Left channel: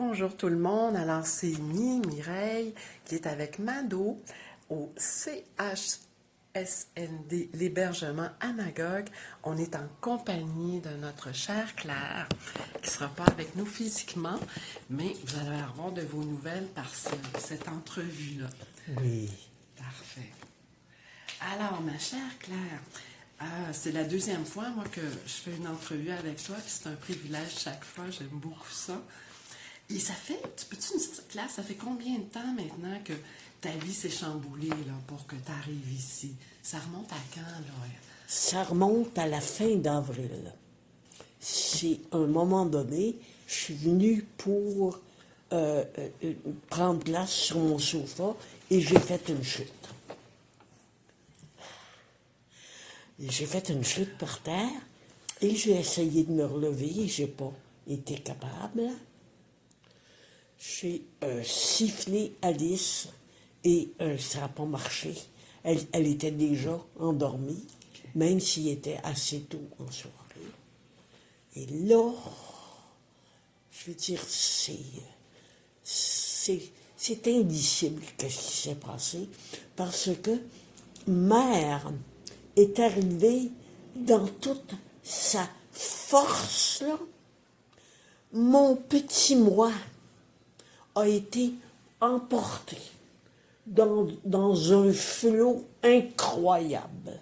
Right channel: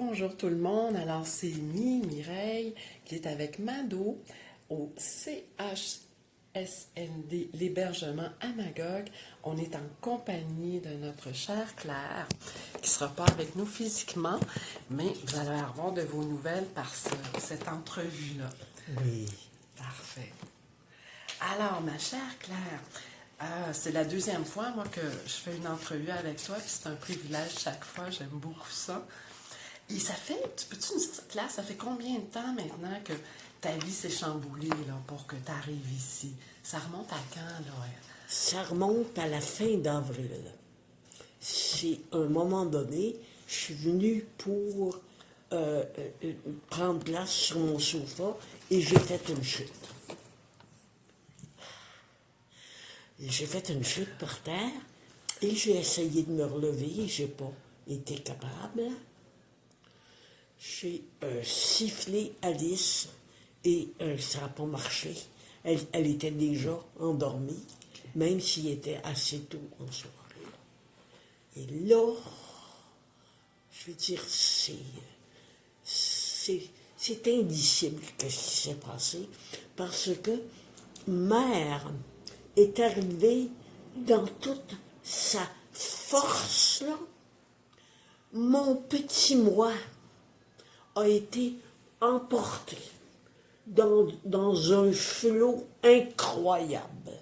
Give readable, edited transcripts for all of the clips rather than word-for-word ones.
Bonjour tout le monde, alors c'est Mireille qui est avec Mado au CHSLD, l'hébergement à Magog. On est en compagnie de notre chère Claire qui ne sera pas avec nous physiquement, mais vous allez avoir de vos nouvelles par cette entrevue-là. Oui. Parfait. Alors, ma chère Claire, c'est la deuxième fois, moi, que je fais une entrevue avec toi, puis c'est un privilège chaque fois, j'aime beaucoup ça. Et ça fait, peux-tu nous dire, Claire, ça fait combien de temps maintenant que ta vie s'est chamboulée là, pour que tu arrives ici? Ça remonte à quand, là? Ça remonte à la fin d'avril. C'est à un moment donné, je suis venue pour prendre place sur mon sofa et j'ai fait une chute. J'ai fait une chute par terre et j'ai essayé de me relever et j'ai pas été capable. J'ai sifflé Alice et ça n'a pas marché. Elle était déjà endormie, même s'il était assez tôt en soirée. Et là, je veux dire, c'est indicible ce qui s'est passé parce que mère est arrivée dans toute sa force, là. Mon petit moi a été emporté dans un flot incroyable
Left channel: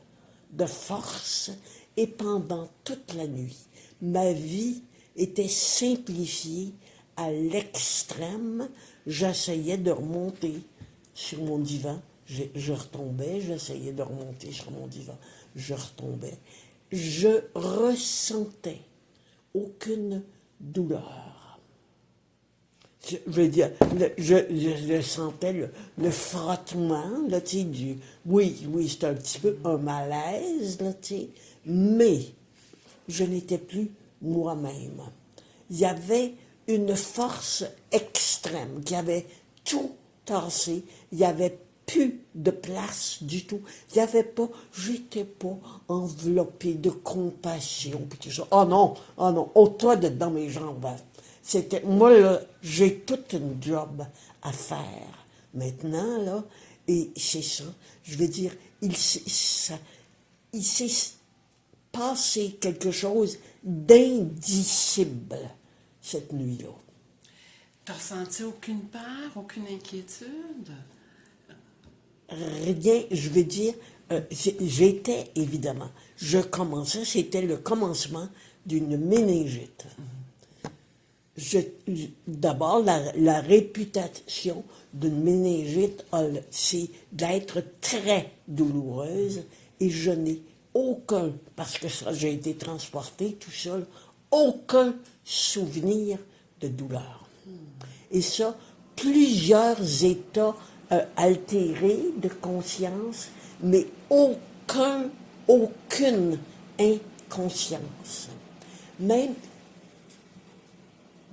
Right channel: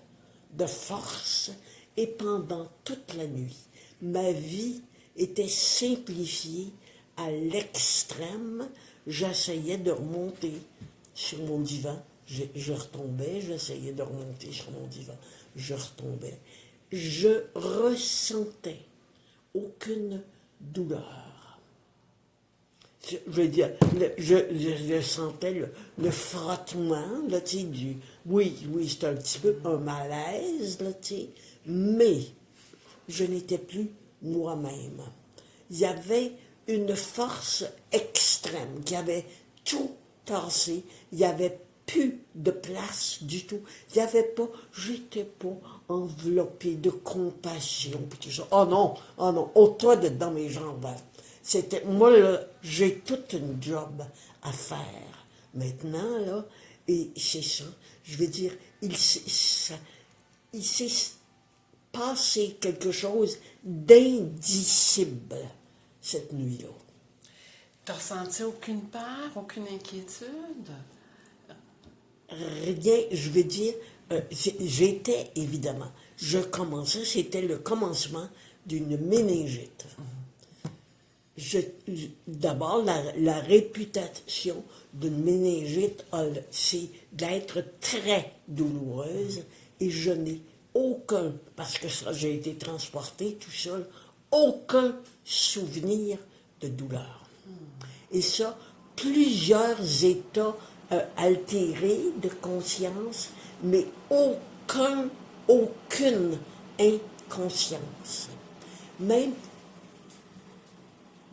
de force et pendant toute la nuit, ma vie était simplifiée à l'extrême. J'essayais de remonter sur mon divan, je retombais, j'essayais de remonter sur mon divan, je retombais. Je ressentais aucune douleur. Je veux dire, je sentais le frottement, là, tu sais, oui, c'était un petit peu un malaise, là, tu sais, mais je n'étais plus moi-même. Il y avait une force extrême qui avait tout tassé, il n'y avait plus de place du tout. Il n'y avait pas, j'étais pas enveloppée de compassion, puis tout ça. Oh non, ôte-toi de dans mes jambes. C'était, moi, là, j'ai toute une job à faire maintenant, là, et c'est ça. Je veux dire, il s'est passé quelque chose d'indicible cette nuit-là. T'as ressenti aucune peur, aucune inquiétude? Rien, je veux dire, j'étais, évidemment, je commençais, c'était le commencement d'une méningite. D'abord, la réputation d'une méningite, c'est d'être très douloureuse et je n'ai aucun, parce que ça, j'ai été transportée tout seul, aucun souvenir de douleur. Et ça, plusieurs états altérés de conscience, mais aucune inconscience. Même,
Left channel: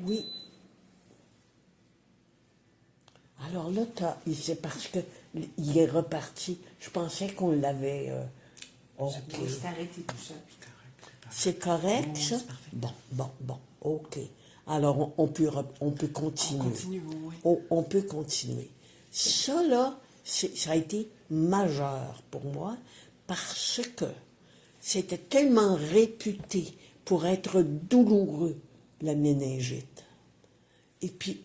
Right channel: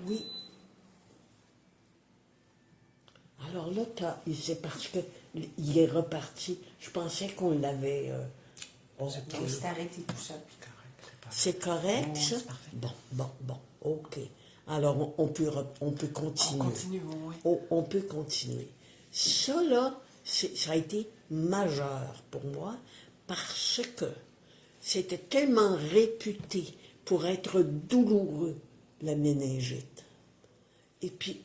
oui. Alors là, c'est parce qu'il est reparti. Je pensais qu'on l'avait... C'est arrêté tout ça. C'est correct, Oui, ça? c'est parfait. Bon, ok. Alors, on peut continuer. On continue, oui. On peut continuer. Ça, là, ça a été majeur pour moi parce que c'était tellement réputé pour être douloureux, la méningite. Et puis,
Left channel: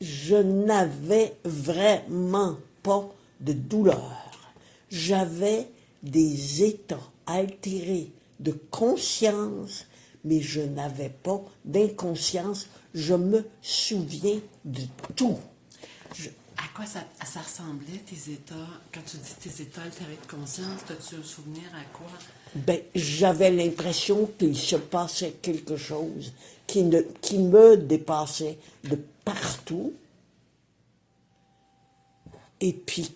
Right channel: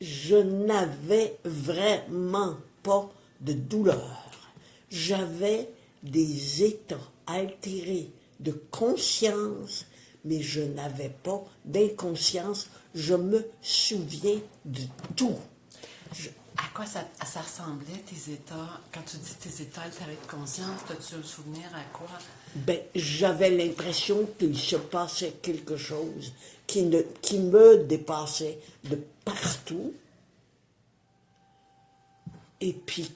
je n'avais vraiment pas de douleur. J'avais des états altérés de conscience, mais je n'avais pas d'inconscience. Je me souviens de tout. À quoi ça ressemblait, tes états? Quand tu dis tes états altérés de conscience, as-tu un souvenir à quoi? Ben, j'avais l'impression qu'il se passait quelque chose qui me dépassait de partout. Et puis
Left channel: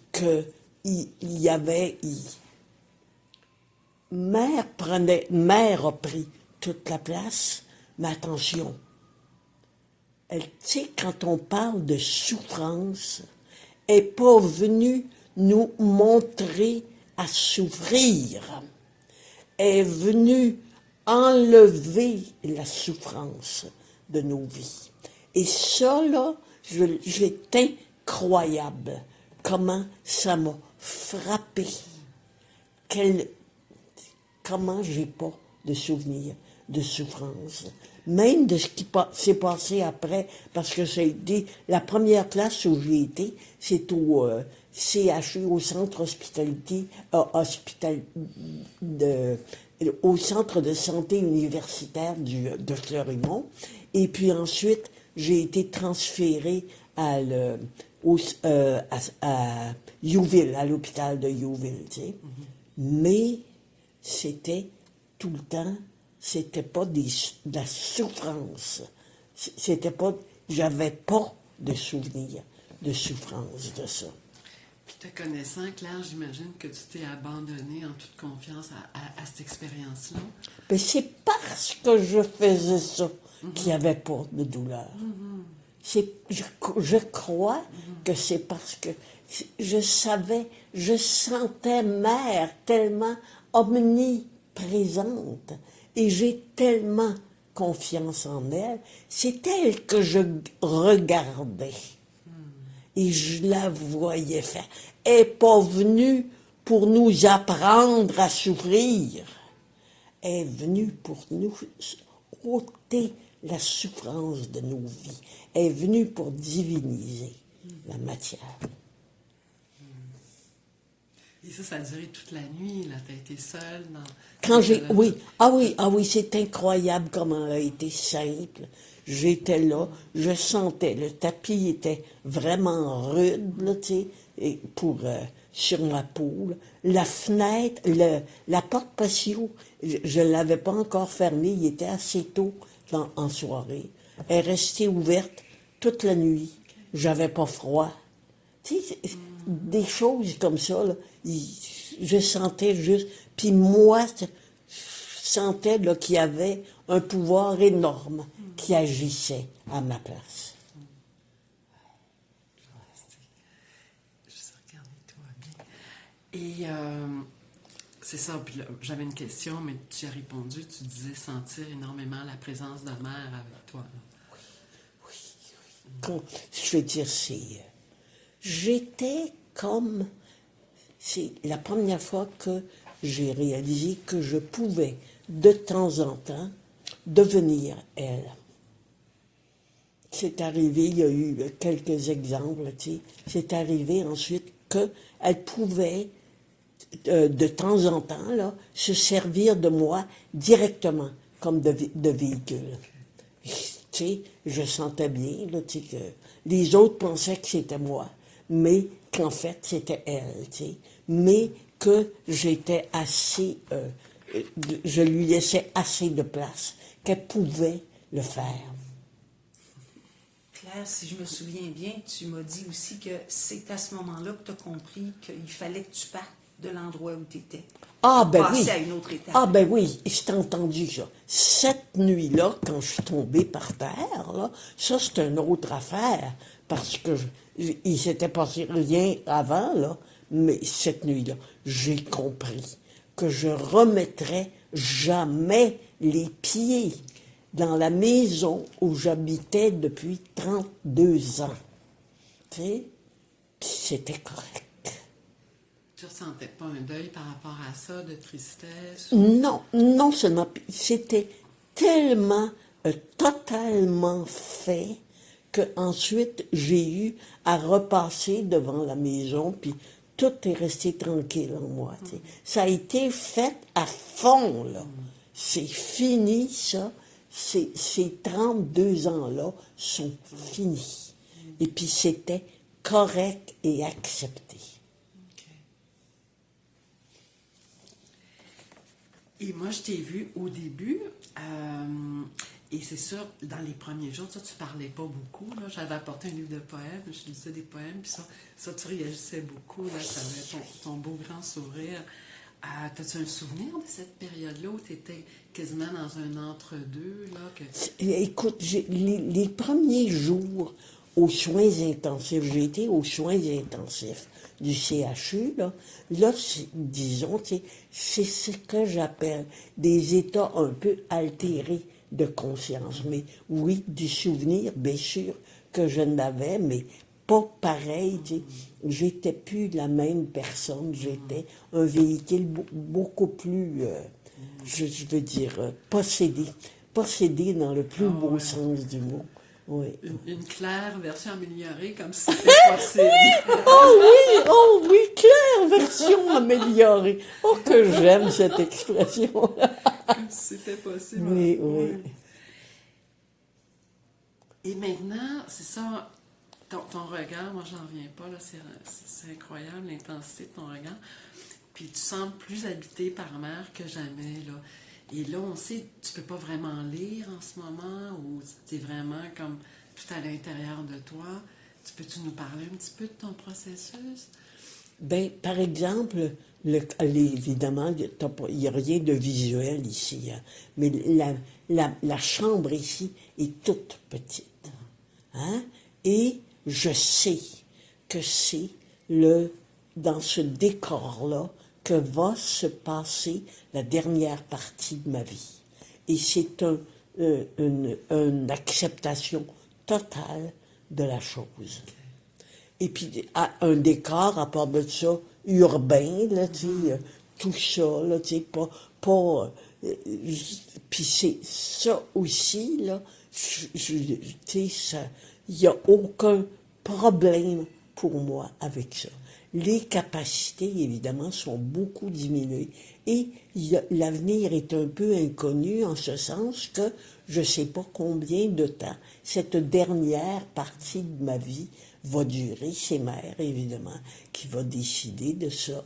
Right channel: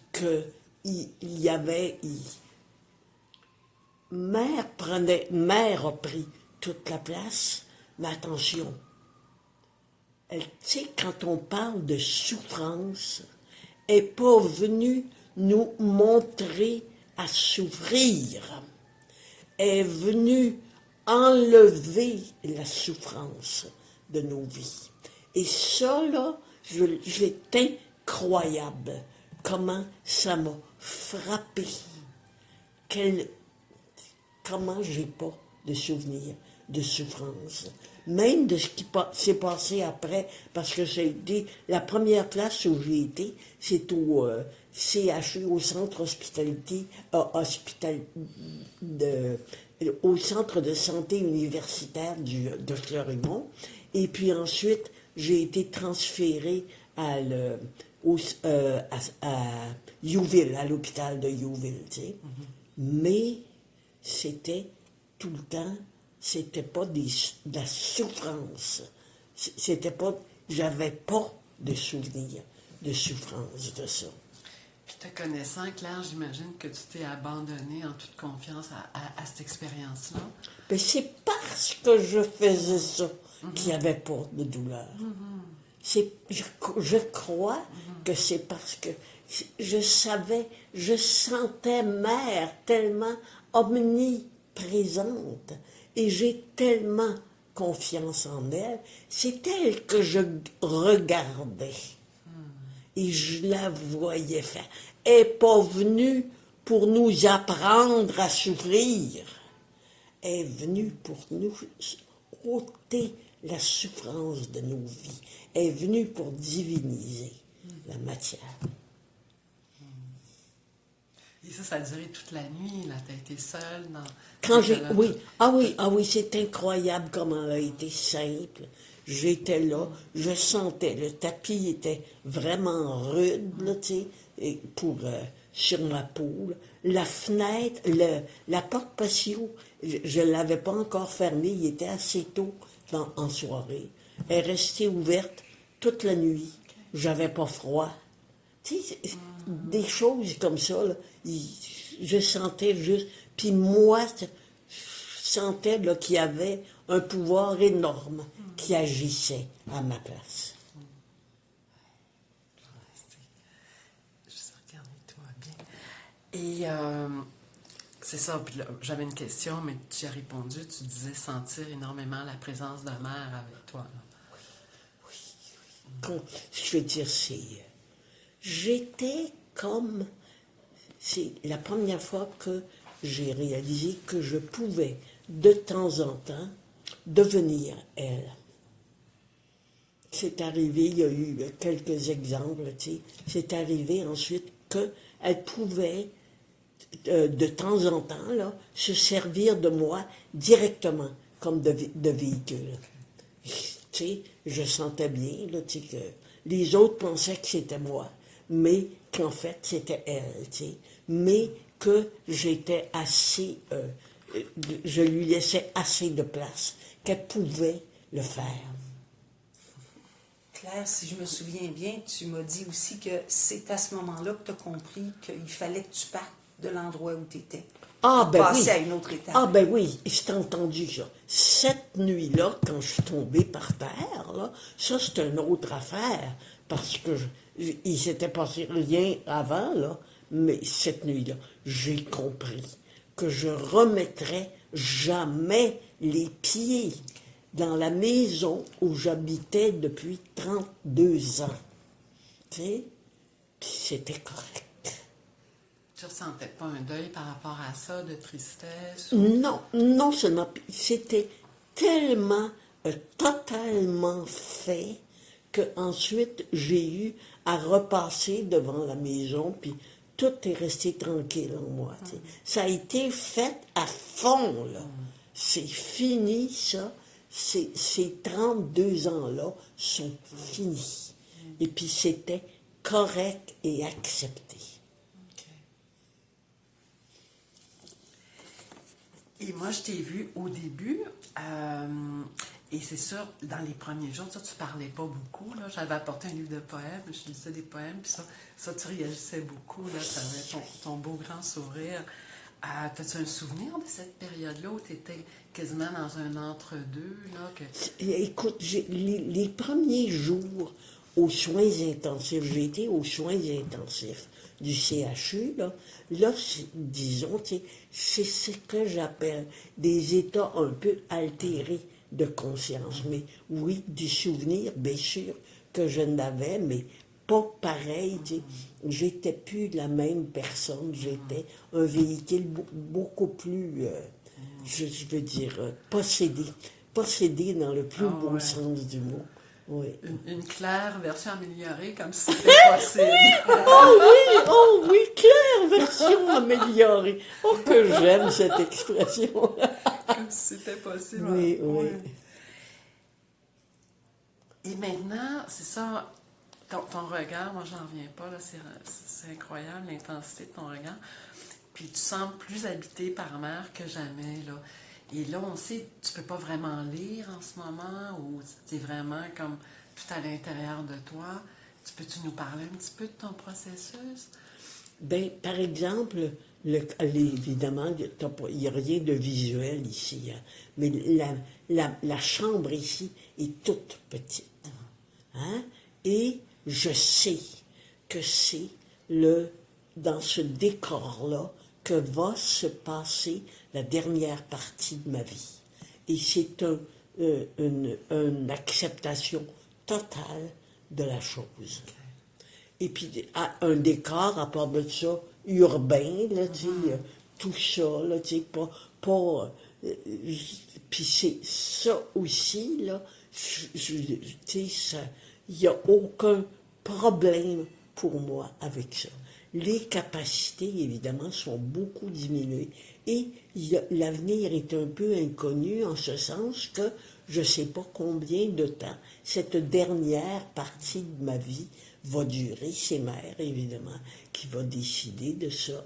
Mère a pris toute la place, mais attention, tu sais, quand on parle de souffrance, elle n'est pas venue nous montrer à souffrir. Elle est venue enlever la souffrance de nos vies. Et ça, là, c'est incroyable comment ça m'a frappé. Comment j'ai pas de souvenirs de souffrance. Même de ce qui s'est passé après, parce que ça a été la première classe où j'ai été, c'est au CHU, au centre hospitalité, au centre de santé universitaire de Fleurimont. Et puis ensuite, j'ai été transférée à Youville, à l'hôpital de Youville, tu sais. Mais c'était tout le temps, c'était pas de la souffrance. C'était pas, j'avais pas de souvenir de souffrance de ça. Puis te connaissant, Claire, j'imagine que tu t'es abandonnée en toute confiance à cette expérience-là. Mais c'est parce que je faisais ça qu'il n'y avait pas de douleur. Je crois que c'est parce que je sentais mère tellement omniprésente et j'ai tellement confiance en elle. C'est elle que je regardais et je la voyais faire. Elle n'est pas venue pour nous apprendre à souffrir. Elle est venue pour nous ôter la souffrance de nos vies. Elle est venue pour diviniser la matière. Et ça a duré toute la nuit, là, t'as été seule dans... Oui, c'est incroyable comment elle a été simple. J'étais là, je sentais, le tapis était vraiment rude, là, tu sais, sur ma peau. La fenêtre, la porte patio, je ne l'avais pas encore fermée, il était assez tôt en soirée. Elle est restée ouverte toute la nuit. J'avais pas froid. Tu sais, des choses comme ça, là, je sentais juste. Puis moi, je sentais là, qu'il y avait un pouvoir énorme qui agissait à ma place. Juste regarder toi bien. Et c'est ça, puis là, j'avais une question, mais tu as répondu, tu disais sentir énormément la présence de mère avec toi. Là. Je veux dire, j'étais comme... C'est la première fois que j'ai réalisé que je pouvais, de temps en temps, devenir elle. C'est arrivé, il y a eu quelques exemples, tu sais. C'est arrivé ensuite qu'elle pouvait, de temps en temps, là, se servir de moi directement, comme de véhicule. Tu sais, je sentais bien, là, tu sais, que les autres pensaient que c'était moi, mais qu'en fait, c'était elle, tu sais. Mais que j'étais assez... je lui laissais assez de place, qu'elle pouvait le faire. Claire, si je me souviens bien, tu m'as dit aussi que c'est à ce moment-là que tu as compris qu'il fallait que tu partes de l'endroit où tu étais. Ah, ben oui. Passer à une autre étape. Ah, ben oui, j'ai entendu ça. Cette nuit-là, quand je suis tombée par terre, là, ça, c'est une autre affaire, parce que il s'était passé rien avant, là, mais cette nuit-là, j'ai compris que je remettrais jamais les pieds dans la maison où j'habitais depuis 32 ans. Tu sais, puis c'était correct. Tu ressentais pas un deuil par rapport à ça, de tristesse? Non, c'était tellement, totalement fait qu'ensuite j'ai eu à repasser devant la maison, puis tout est resté tranquille en moi. Tu sais. Ça a été fait à fond, là. C'est fini, ça. Ces 32 ans-là sont finis. Et puis c'était correct et accepté. Et moi, je t'ai vu au début, et c'est sûr, dans les premiers jours, ça, tu parlais pas beaucoup, là. J'avais apporté un livre de poèmes, je lisais des poèmes, puis ça tu réagissais beaucoup, là, tu avais ton beau grand sourire. T'as-tu un souvenir de cette période-là où tu étais quasiment dans un entre-deux, là? Écoute, les premiers jours aux soins intensifs, j'ai été aux soins intensifs du CHU, là, disons, c'est ce que j'appelle des états un peu altérés de conscience. Mais oui, du souvenir, bien sûr que je n'avais, mais pas pareil. Tu sais. J'étais plus la même personne. J'étais un véhicule beaucoup plus, je veux dire, possédé. Possédé dans le plus beau ouais. sens du mot. Oui. Une claire version améliorée, comme si c'était possible. Oh oui, claire version améliorée. Oh, que j'aime cette expression-là. Comme si c'était possible. Oui, oui. Ouais. Et maintenant, c'est ça, ton regard, moi j'en reviens pas, là, c'est incroyable l'intensité de ton regard. Puis tu sembles plus habité par mer que jamais, là. Et là, on sait, tu peux pas vraiment lire en ce moment, ou tu es vraiment comme tout à l'intérieur de toi. Peux-tu nous parler un petit peu de ton processus? Ben, par exemple, évidemment, il n'y a rien de visuel ici, hein, mais la chambre ici est toute petite. Hein? Et je sais que c'est dans ce décor-là que va se passer la dernière partie de ma vie. Et c'est une acceptation totale de la chose. Et puis, un décor, à part de ça, urbain, là, tu sais, tout ça, là, tu sais, puis c'est ça aussi, là, tu sais, il n'y a aucun problème pour moi avec ça. Les capacités, évidemment, sont beaucoup diminuées. Et l'avenir est un peu inconnu en ce sens que je ne sais pas combien de temps cette dernière partie de ma vie va durer. C'est mère, évidemment, qui va décider de ça.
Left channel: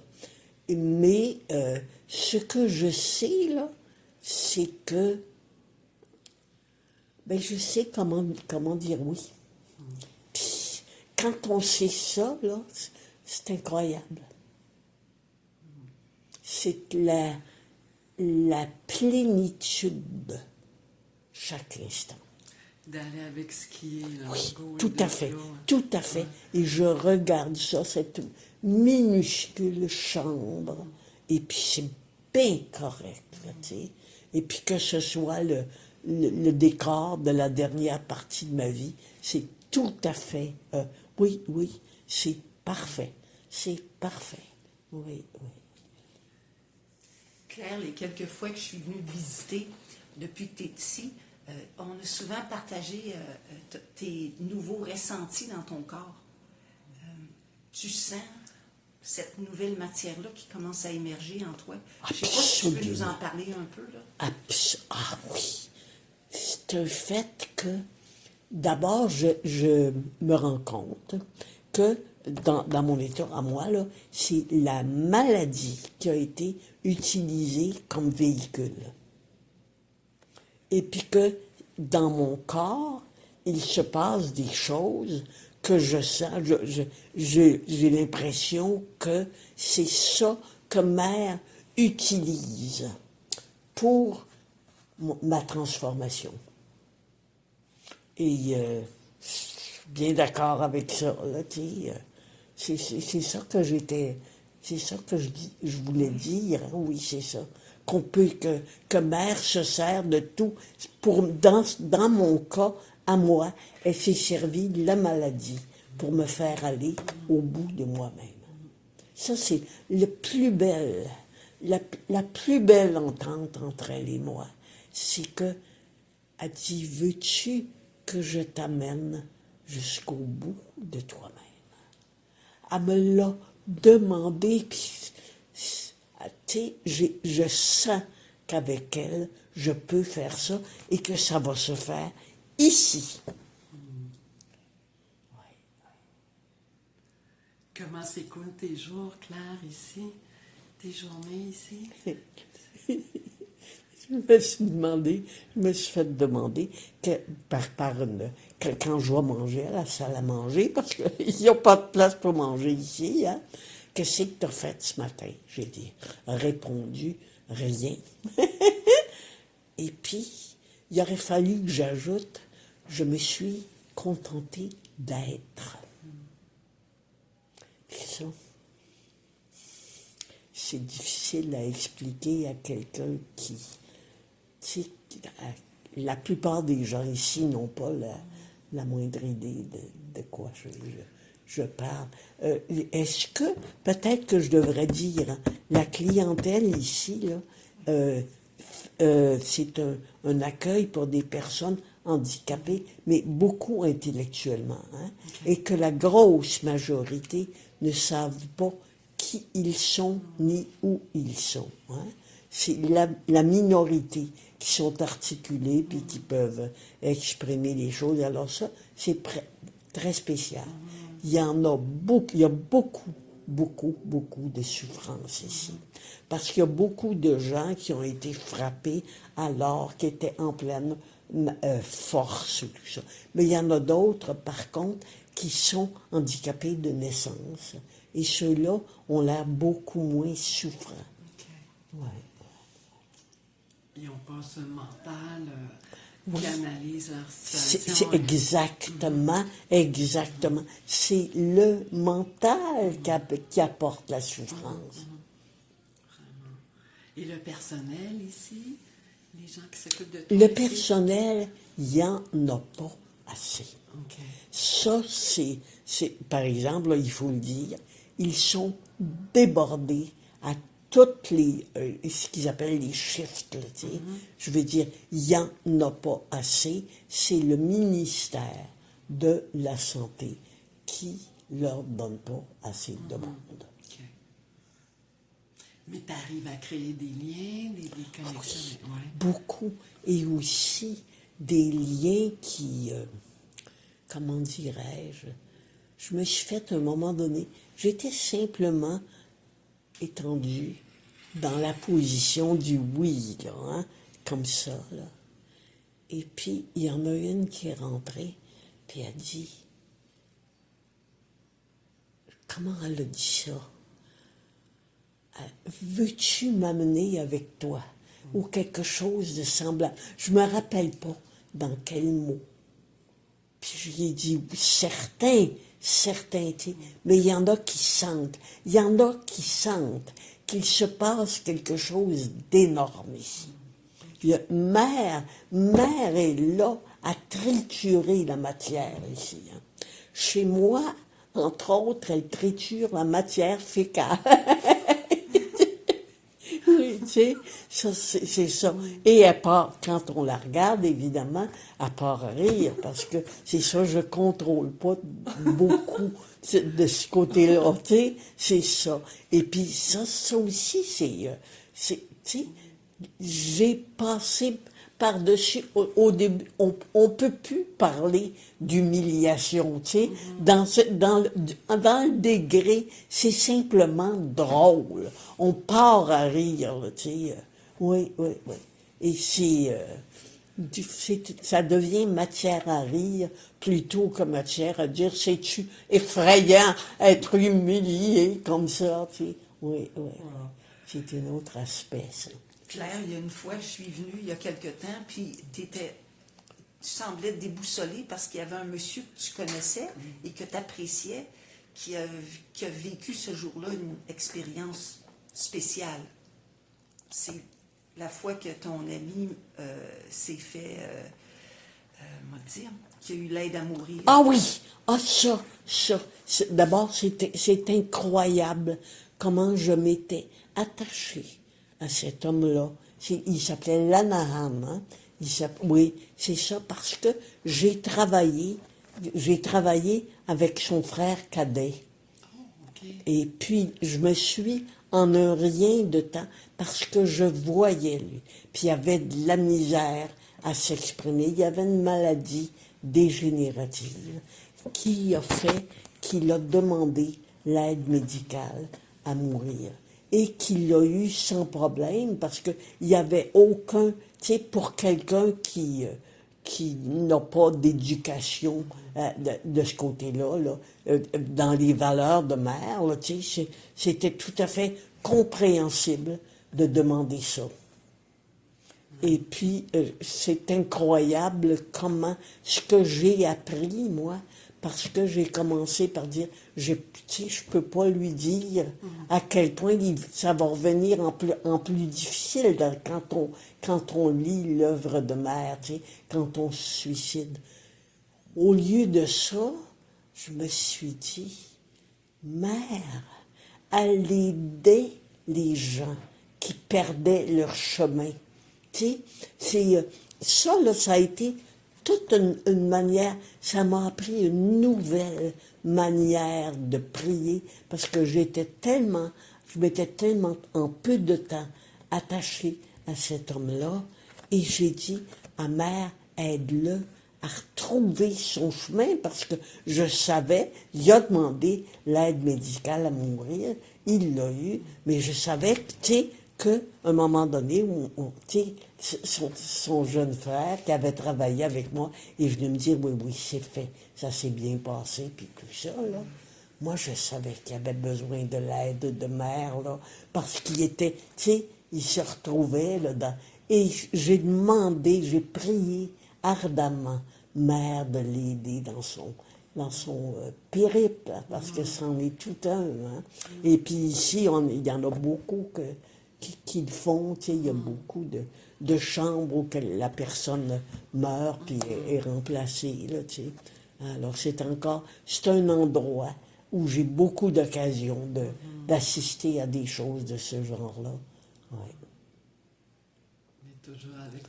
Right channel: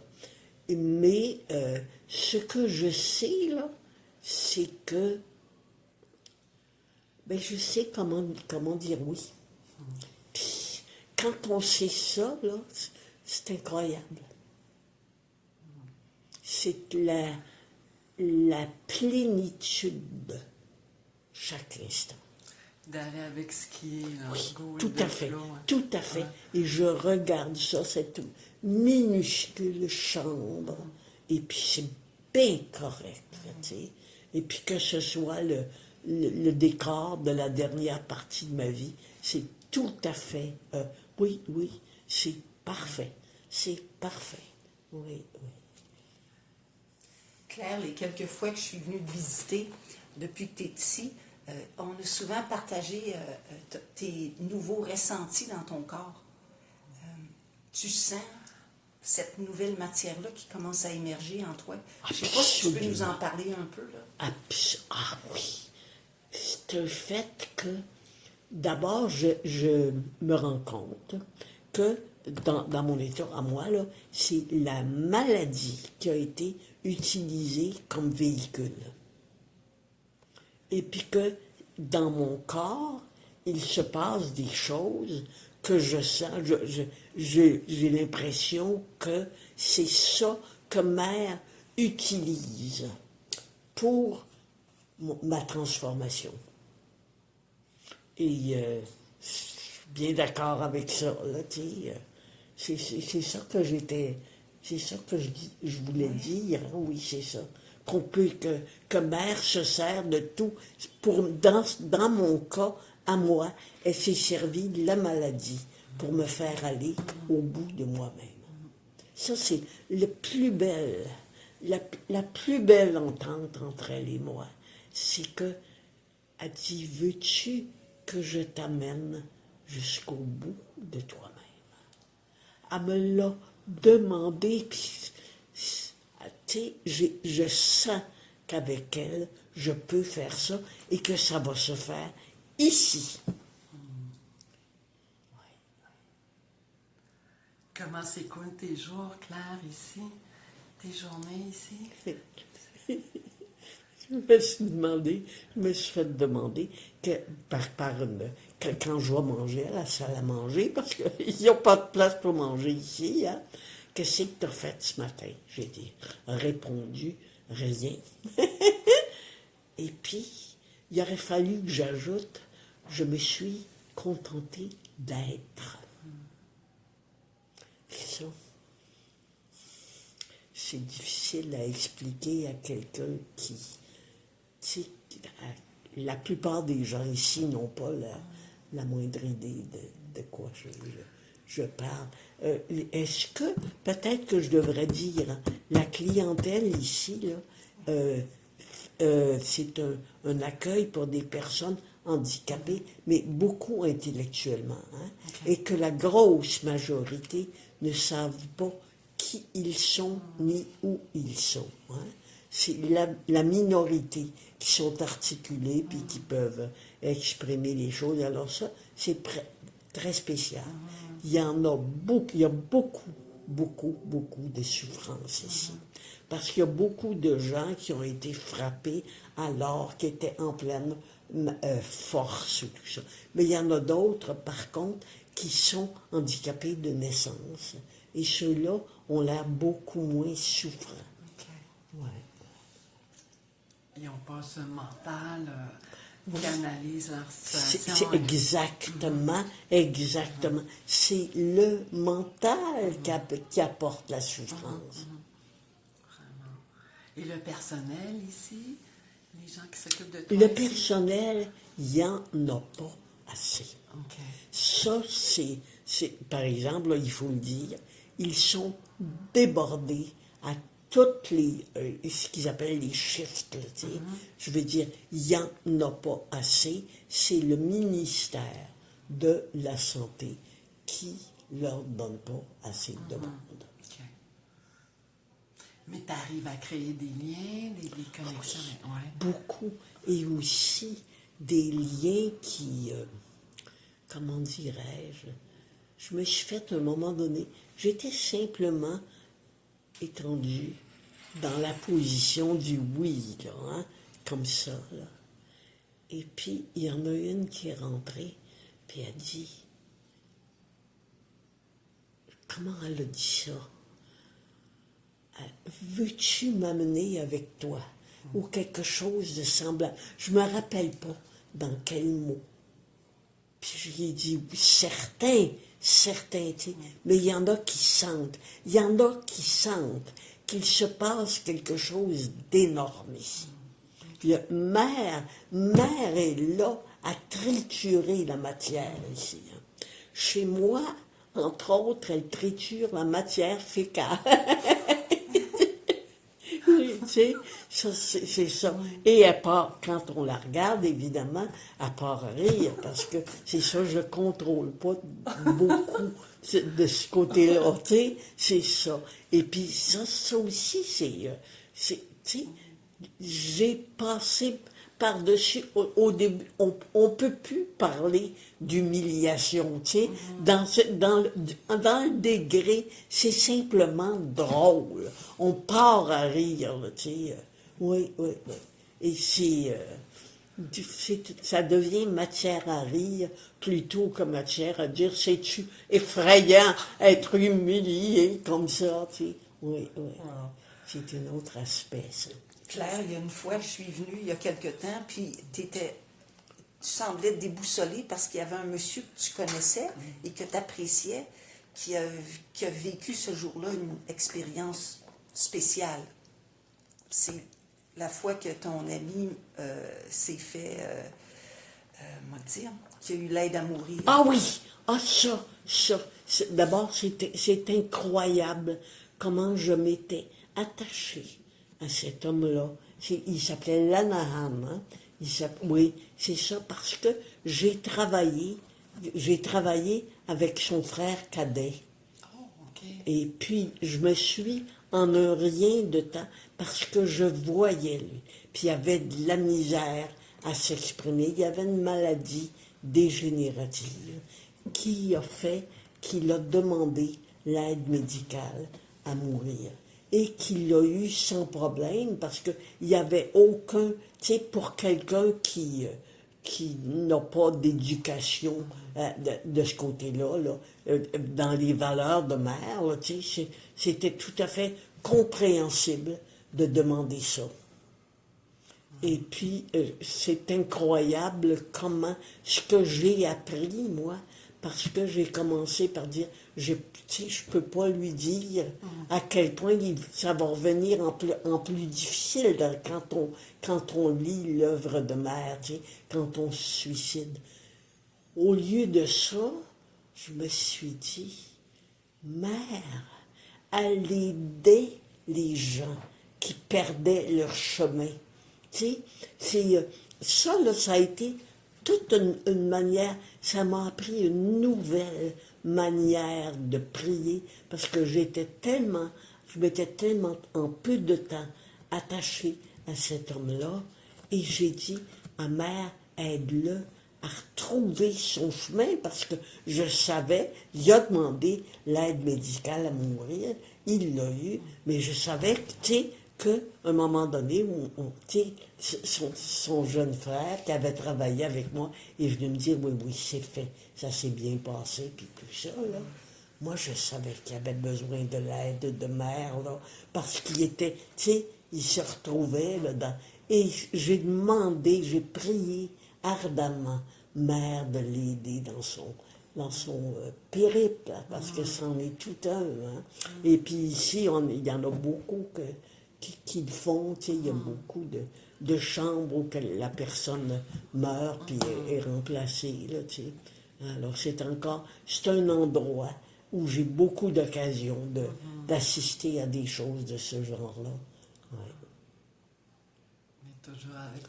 Mais ce que je sais, là, c'est que ben, je sais comment dire oui. Puis, quand on sait ça, là, c'est incroyable. C'est la plénitude chaque instant. D'aller avec ce qui est, là, go Tout with à the fait, flow, hein. tout à fait. Ouais. Et je regarde ça, cette minuscule chambre, et puis c'est bien correct, là, tu sais. Et puis que ce soit le décor de la dernière partie de ma vie, c'est tout à fait, oui, c'est parfait. C'est parfait. Oui. Claire, les quelques fois que je suis venue te visiter depuis que tu es ici, on a souvent partagé tes nouveaux ressentis dans ton corps. Tu sens cette nouvelle matière-là qui commence à émerger en toi. Je ne sais pas si tu peux nous en parler un peu, là. Ah oui. C'est un fait que, d'abord, je me rends compte que dans mon état à moi, là, c'est la maladie qui a été utilisée comme véhicule. Et puis que dans mon corps, il se passe des choses que je sens. J'ai l'impression que c'est ça que mère utilise pour ma transformation. Et je suis bien d'accord avec ça. Là, c'est ça que j'étais. C'est ça que je voulais dire. Oui, c'est ça. Que mère se sert de tout. Dans mon cas, à moi, elle s'est servie de la maladie pour me faire aller au bout de moi-même. Ça, c'est la plus belle entente entre elle et moi. C'est que, elle dit, veux-tu que je t'amène jusqu'au bout de toi-même? Elle me l'a demandé, puis, tu sais, je sens qu'avec elle, je peux faire ça et que ça va se faire ici. Comment s'écoulent tes jours, Claire, ici? Tes journées ici? Je me suis fait demander que, quand je vais manger à la salle à manger, parce qu'il n'y a pas de place pour manger ici, hein, qu'est-ce que tu as fait ce matin? J'ai répondu rien. Et puis, il aurait fallu que j'ajoute, je me suis contentée d'être. Ça, c'est difficile à expliquer à quelqu'un qui, tu sais, la plupart des gens ici n'ont pas la moindre idée de quoi je parle. Est-ce que, peut-être que je devrais dire, hein, la clientèle ici, là, c'est un accueil pour des personnes handicapées, mais beaucoup intellectuellement, hein, et que la grosse majorité ne savent pas qui ils sont ni où ils sont. Hein. C'est la minorité qui sont articulés puis qui peuvent exprimer les choses. Alors ça, c'est très spécial. Il y en a beaucoup, il y a beaucoup, beaucoup, beaucoup de souffrances ici. Parce qu'il y a beaucoup de gens qui ont été frappés alors qu'ils étaient en pleine force, tout ça. Mais il y en a d'autres, par contre, qui sont handicapés de naissance. Et ceux-là ont l'air beaucoup moins souffrants. OK. Ouais. Ils n'ont pas ce mental qui analyse leur C'est situation. exactement. C'est le mental qui apporte la souffrance. Vraiment. Et le personnel ici, les gens qui s'occupent de toi Le ici? personnel, il n'y en a pas assez. OK. Ça, par exemple, là, il faut le dire, ils sont débordés à toutes ce qu'ils appellent les shifts. Là, je veux dire, il n'y en a pas assez. C'est le ministère de la Santé qui leur donne pas assez de demandes. OK. Mais tu arrives à créer des liens, des connexions. Ouais. Beaucoup. Et aussi des liens qui, comment dirais-je, je me suis fait à un moment donné, j'étais simplement étendue dans la position du oui, là, hein, comme ça, là. Et puis, il y en a une qui est rentrée, puis elle dit, comment elle a dit ça? Veux-tu m'amener avec toi? Ou quelque chose de semblable. Je me rappelle pas dans quel mot. Puis je lui ai dit, certains, mais il y en a qui sentent. Il y en a qui sentent qu'il se passe quelque chose d'énorme ici. Mère est là à triturer la matière ici. Hein. Chez moi, entre autres, elle triture la matière fécale. Tu sais, c'est ça. Et elle part, quand on la regarde, évidemment, elle part rire, parce que c'est ça, je contrôle pas beaucoup de ce côté-là, tu sais, c'est ça. Et puis ça aussi, tu sais, j'ai passé par-dessus, au début, on peut plus parler d'humiliation, tu sais, dans le degré, c'est simplement drôle. On part à rire, tu sais. Oui. Et ça devient matière à rire plutôt que matière à dire, c'est-tu effrayant être humilié comme ça, tu sais. Oui. Wow. C'est un autre aspect, ça. Claire, il y a une fois, je suis venue il y a quelque temps, puis tu semblais déboussolée parce qu'il y avait un monsieur que tu connaissais et que tu appréciais qui a vécu ce jour-là une expérience spéciale. C'est la fois que ton ami s'est fait, dire, qui a eu l'aide à mourir. Ah oui! Ah ça. D'abord, c'est incroyable comment je m'étais attachée à cet homme-là. Il s'appelait Lanahan. Hein? Oui, c'est ça, parce que j'ai travaillé avec son frère cadet. Oh, OK. Et puis, je me suis, en un rien de temps, parce que je voyais lui. Puis, il y avait de la misère à s'exprimer. Il y avait une maladie dégénérative qui a fait qu'il a demandé l'aide médicale à mourir. Et qu'il l'a eu sans problème, parce qu'il n'y avait aucun, tu sais, pour quelqu'un qui n'a pas d'éducation de ce côté-là, là, dans les valeurs de mère, là, tu sais, c'était tout à fait compréhensible de demander ça. Et puis, c'est incroyable comment ce que j'ai appris, moi, parce que j'ai commencé par dire, tu sais, je peux pas lui dire à quel point ça va revenir en plus difficile quand on lit l'œuvre de mère, tu sais, quand on se suicide. Au lieu de ça, je me suis dit, mère, elle aidait les gens qui perdaient leur chemin. Tu sais, ça, là, ça a été toute une manière, ça m'a appris une nouvelle manière de prier, parce que je m'étais tellement en peu de temps attachée à cet homme-là, et j'ai dit, ma mère, aide-le à retrouver son chemin, parce que je savais, il a demandé l'aide médicale à mourir, il l'a eu, mais je savais, tu sais, qu'à un moment donné, tu sais, son jeune frère, qui avait travaillé avec moi, est venu me dire, oui, c'est fait, ça s'est bien passé, puis tout ça, là. Moi, je savais qu'il avait besoin de l'aide de mère, là, parce qu'il était, tu sais, il se retrouvait là-dedans. Et j'ai prié ardemment, mère, de l'aider dans son périple, parce que c'en est tout un. Hein. Et puis ici, il y en a beaucoup qui le font, tu sais, il y a beaucoup de chambres où la personne meurt puis est remplacée, là, tu sais. Alors, c'est un endroit où j'ai beaucoup d'occasions d'assister à des choses de ce genre-là. Ouais. Mais toujours avec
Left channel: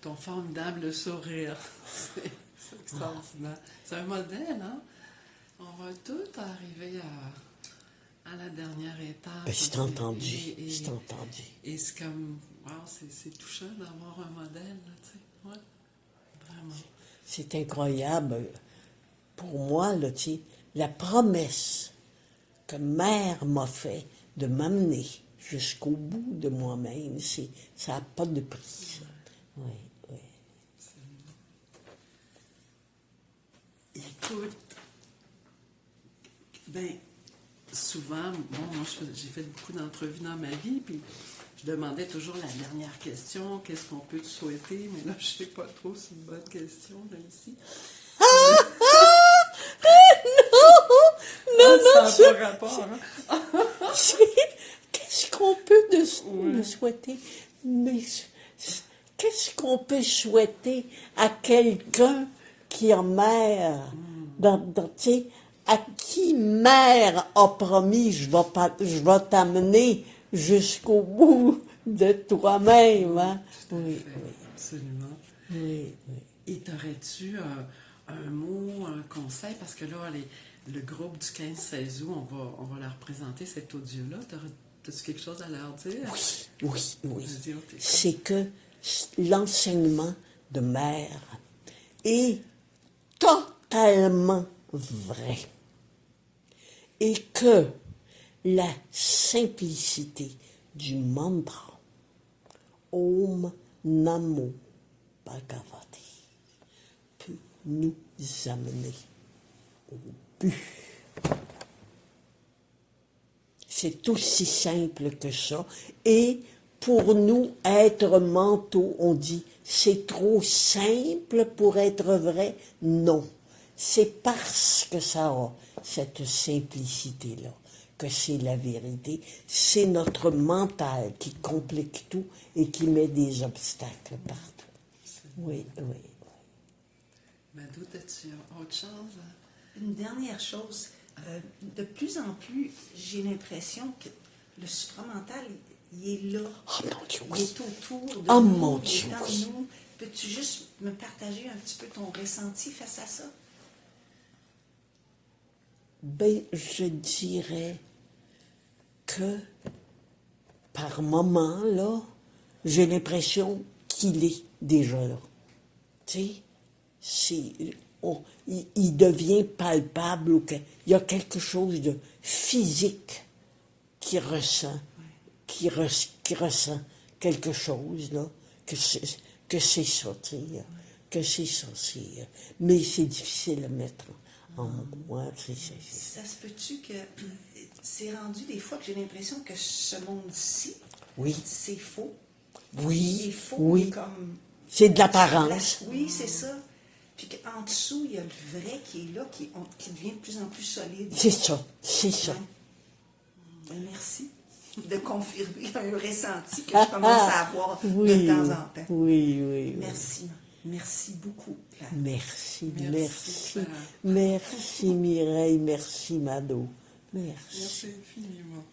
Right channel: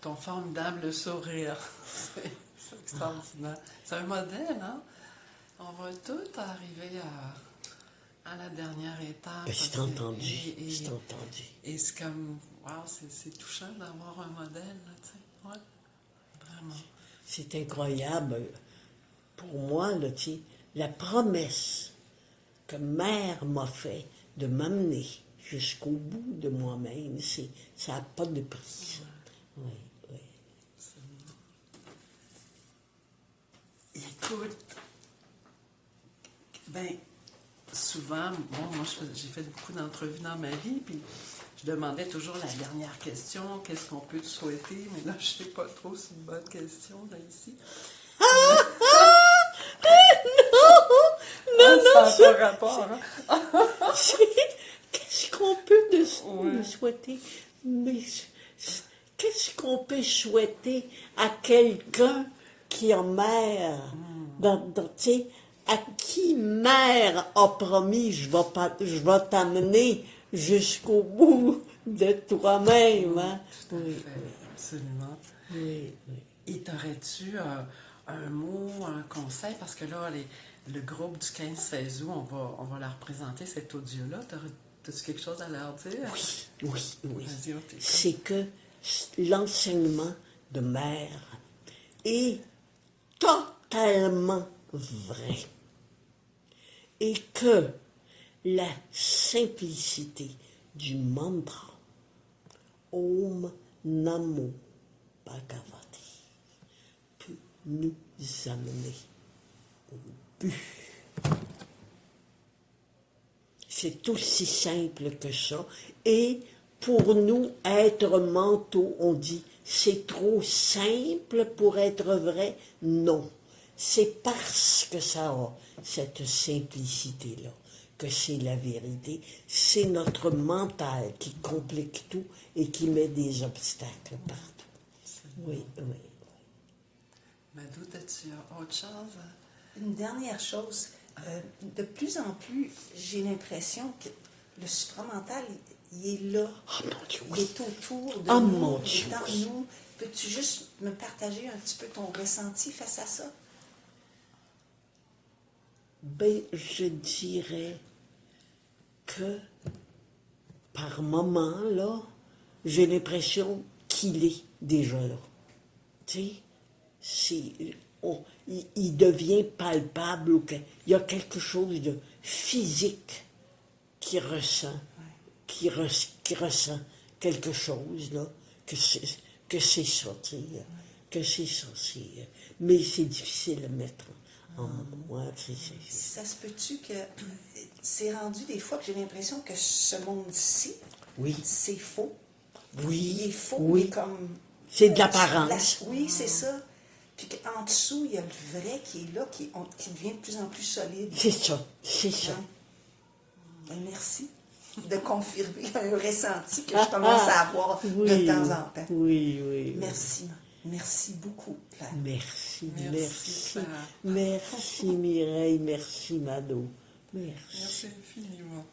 ton formidable sourire. C'est extraordinaire. C'est un modèle, hein? On va tous arriver à la dernière étape. Ben, c'est entendu. C'est entendu. Et c'est comme, wow, c'est touchant d'avoir un modèle, là, tu sais. Ouais, vraiment. C'est incroyable. Pour moi, là, tu sais, la promesse que mère m'a fait de m'amener jusqu'au bout de moi-même, ça n'a pas de prix. Oui, oui. Écoute, ben, souvent, bon, moi, j'ai fait beaucoup d'entrevues dans ma vie, puis je demandais toujours la dernière question, qu'est-ce qu'on peut te souhaiter, mais là, je sais pas trop si c'est une bonne question, là, ici. Non, ça n'a pas rapport, hein? Qu'est-ce qu'on peut me souhaiter? Mais qu'est-ce qu'on peut souhaiter à quelqu'un qui a mère? Tu sais, à qui mère a promis, je vais t'amener jusqu'au bout de toi-même. Hein? Tout à fait, absolument. Oui, oui. Et t'aurais-tu un mot, un conseil? Parce que là, le groupe du 15-16 août, on va leur présenter cet audio-là. T'as-tu quelque chose à leur dire? Oui. Vas-y, on t'écoute. C'est que l'enseignement de mère est totalement vrai. Et que la simplicité du mantra Om Namo Bhagavate peut nous amener au but. C'est aussi simple que ça. Et pour nous, être mentaux, on dit, c'est trop simple pour être vrai. Non. C'est parce que ça a cette simplicité-là que c'est la vérité. C'est notre mental qui complique tout et qui met des obstacles partout. Oui. Madou, as-tu autre chose? Une dernière chose, de plus en plus, j'ai l'impression que le supramental, il est là. Oh mon Dieu, Il est autour de oh nous, mon il Dieu, est en oui. nous. Peux-tu juste me partager un petit peu ton ressenti face à ça? Ben, je dirais que par moment, là, j'ai l'impression qu'il est déjà là. Tu sais, il devient palpable, ou il y a quelque chose de physique qui ressent, qui ressent quelque chose, là, que c'est ça, tu sais, que c'est ça, mais c'est difficile à mettre en mots, hein, Ça se peut-tu que c'est rendu des fois que j'ai l'impression que ce monde-ci, Oui. c'est faux. Oui, Il est faux, oui. mais comme... C'est de l'apparence. Oui, c'est ça. Puis qu'en dessous, il y a le vrai qui est là, qui devient de plus en plus solide. C'est ça, c'est ça. Ouais. Ben, merci de confirmer un ressenti que je commence à avoir de temps en temps. Oui, oui. Merci. Merci beaucoup, Claire. Merci, Merci, merci. Claire. Merci, Mireille, merci, Mado. Merci. Merci infiniment.